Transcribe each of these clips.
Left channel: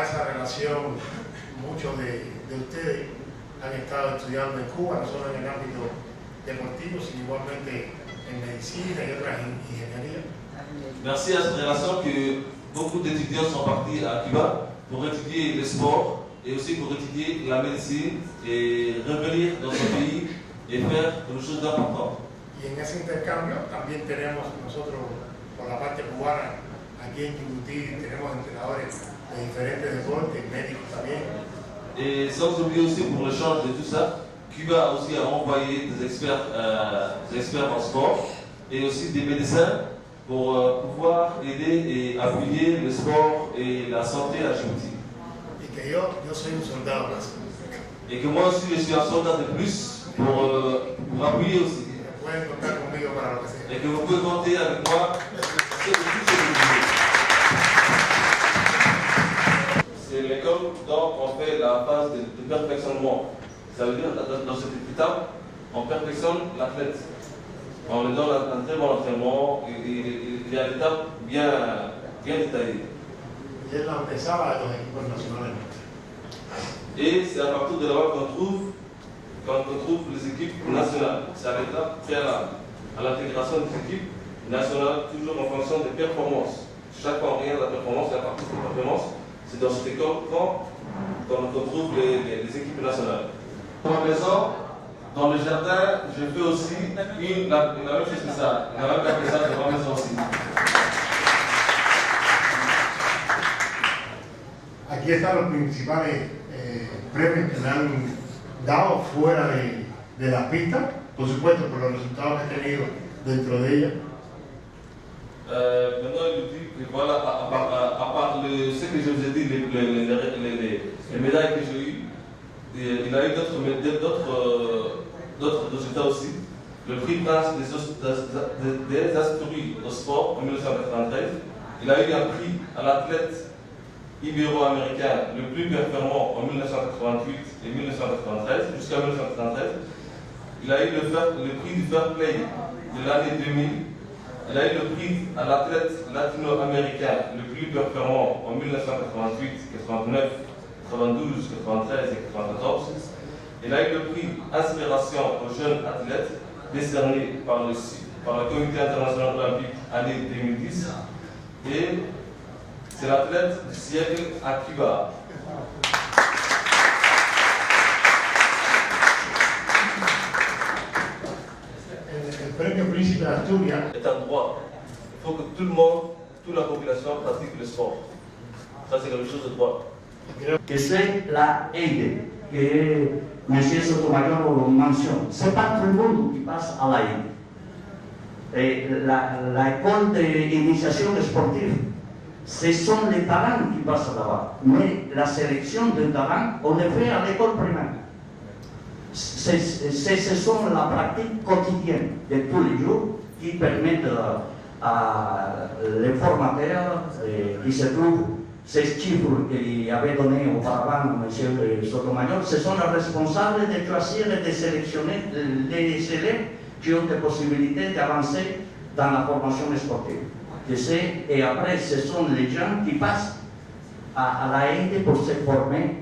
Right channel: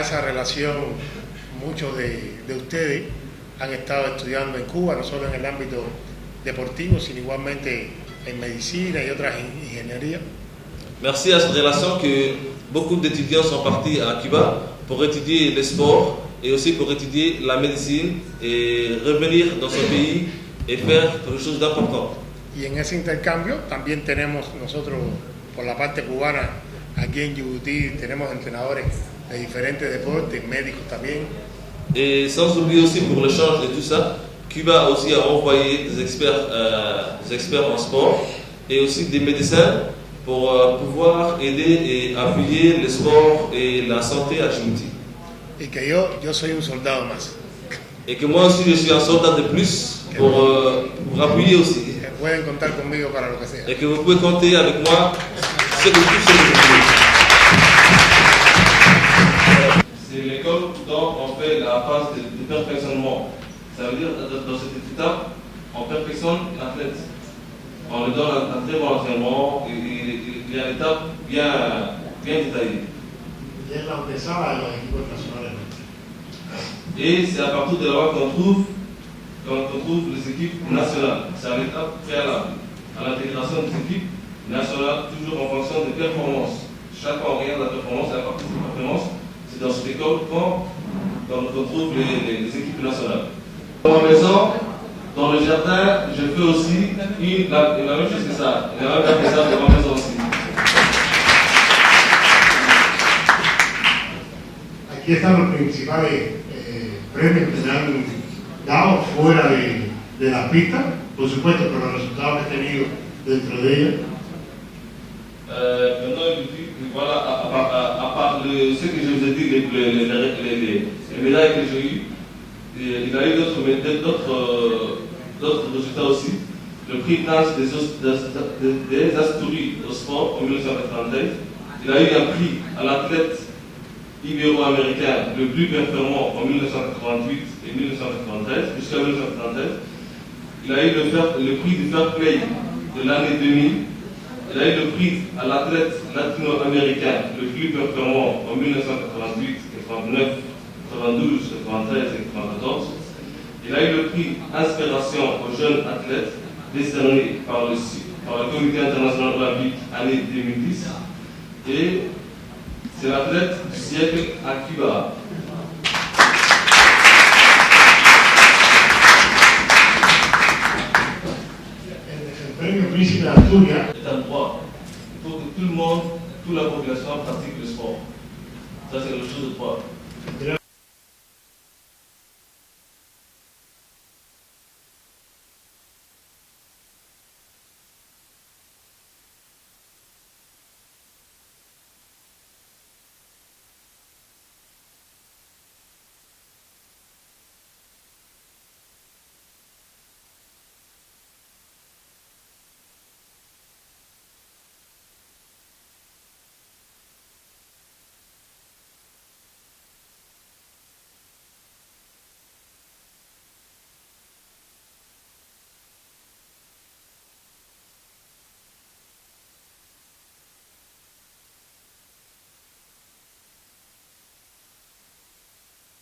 a esa relación, muchos de ustedes han estado estudiando en Cuba, no solo en el ámbito deportivo, sino igualmente en medicina y otras ingenierías. Merci à cette relation que beaucoup d'étudiants sont partis à Cuba pour étudier les sports et aussi pour étudier la médecine et revenir dans son pays et faire quelque chose d'important. Y en ese intercambio también tenemos nosotros, por la parte cubana, aquí en Yibuti, tenemos entrenadores de diferentes deportes, médicos también. Et sans oublier aussi pour l'échange de tout ça, Cuba aussi a envoyé des experts en sport et aussi des médecins pour pouvoir aider et appuyer le sport et la santé à Djibouti. Y que yo soy un soldado más. Et que moi aussi je suis un soldat de plus pour appuyer aussi. Pueden contar conmigo para lo que sea. Et que vous pouvez compter avec moi sur tout ce que vous voulez. C'est l'école dont on fait la phase de perfectionnement. Ça veut dire dans cette étape, on perfectionne l'athlète. On lui donne un très bon entraînement et il y a l'étape bien détaillée. Y es la antesala de los equipos nacionales. Et c'est à partir de là qu'on trouve les équipes nationales. C'est à l'étape préalable à l'intégration des équipes nationales, toujours en fonction des performances. Chaque fois on regarde la performance et la partie des performances, c'est dans cette école qu'on trouve les équipes nationales. Dans ma maison, dans le jardin, je fais aussi la même chose que ça. La même chose que ça dans ma maison aussi. Aquí están los principales premios que me han dado fuera de las pistas, por supuesto, por los resultados que he tenido dentro de ellas. Maintenant, il dit, voilà, à part ce que je vous ai dit, les médailles que j'ai eues, il a eu d'autres résultats aussi. Le prix Prince des Asturies au sport en 1993. Il a eu un prix à l'athlète ibéro-américain le plus performant en 1988 et 1993, jusqu'à 1993. Il a eu le prix du Fair Play de l'année 2000. Il a eu le prix à l'athlète latino-américain le plus performant en 1988, 89, 92, 93 et 94. Il a eu le prix Inspiration aux jeunes athlètes décerné par le Comité international olympique année 2010. Et c'est l'athlète du siècle à Cuba. El premio Príncipe de Asturias est un droit. Il faut que tout le monde, toute la population pratique le sport. Ça, c'est quelque chose de droit. Que c'est la aide, que M. Sotomayor mentionne. Ce n'est pas tout le monde qui passe à la aide. L'école d'initiation sportive, ce sont les talents qui passent là-bas. Mais la sélection de talents, on le fait à l'école primaire. Ce sont la pratique quotidienne de tous les jours qui permettent à les formateurs qui se trouvent, ces chiffres qu'il avait donné auparavant M. Sotomayor, ce sont les responsables de choisir et de sélectionner les élèves qui ont des possibilités d'avancer dans la formation sportive. Et après, ce sont les gens qui passent à la aide pour se former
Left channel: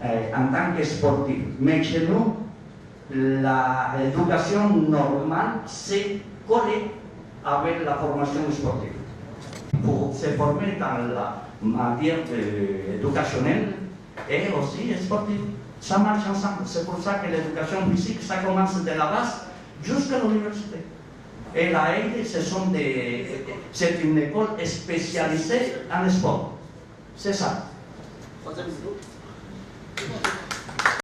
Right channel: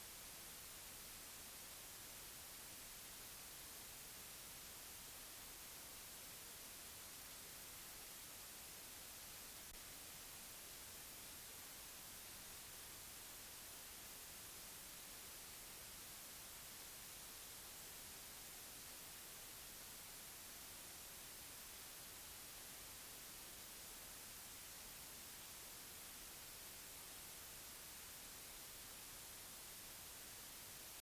en tant que sportifs. Mais chez nous, l'éducation normale, c'est collé avec la formation sportive. Pour se former dans la matière éducationnelle et aussi sportive, ça marche ensemble. C'est pour ça que l'éducation physique, ça commence de la base jusqu'à l'université. Et la aide, c'est une école spécialisée en sport. C'est ça.